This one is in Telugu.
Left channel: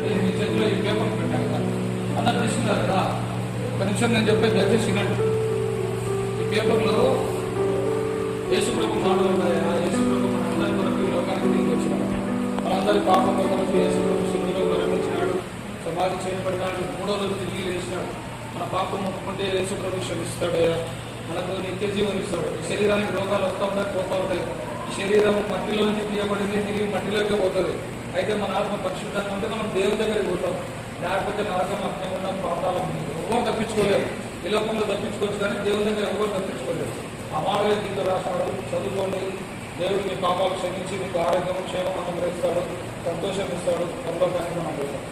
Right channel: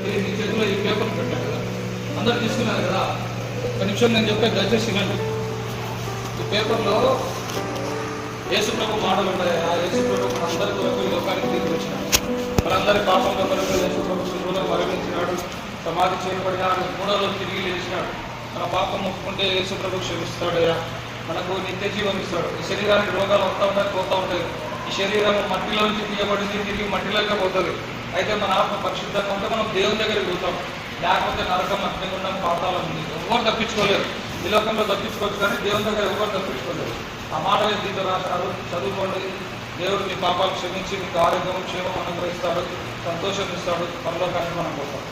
మీ చేతిలో ఈ పేపర్ పెట్టాడు కదా, అందరు తీసుకున్నారు కదా. ఒక నిమిషం నేను చెప్పే దయచేసి వినండి. ఈ పేపర్లో యేసు ప్రభు మాటలు ఉన్నాయా? యేసు ప్రభు మనందరి కొరకు లోకానికి దిగి వచ్చినాడు, మనందరి పాపంలో కొరకు యేసు ప్రభు శుభ్రం మరణించినాడు, సమాధి చేయబడినాడు, 3వ రోజు తిరిగి లేచినాడు. మన పాపం ఒప్పుకుంటే యేసు ప్రభు క్షమిస్తాడయ్యా, మనకు నిత్య జీవం ఇస్తాడు. ఈ శరీరానికి రోగాలు వస్తూ ఉంటాయి, పోతూ ఉంటాయి. ఈ శరీరం మట్టిలో నుంచి తీయబడింది, తిరిగి మట్టిలోకి పోతుంది. అయితే మన ఆత్మ పరిశుద్ధంగా ఉంటే మనం దేవుని దగ్గరికి పోతాం, లేకపోతే నరకం, అగ్నిగుండం, పాతాళం ఉంది. ఎవరు తప్పించుకోలేరు. ఈ లోకంలో తప్పించుకోవచ్చు, కానీ దేవుని దగ్గర ఎవరు తప్పించుకోలేరు. ఆ మాట దీంతో రాశాడు, చదువుకోండి. దేవుడు మీ పాపాలు క్షమించి మీకు ఆరోగ్యం, క్షేమం అనుగ్రహిస్తాడు, సంతోషం ఇస్తాడు, పరలోకానికి మనం పోతాం.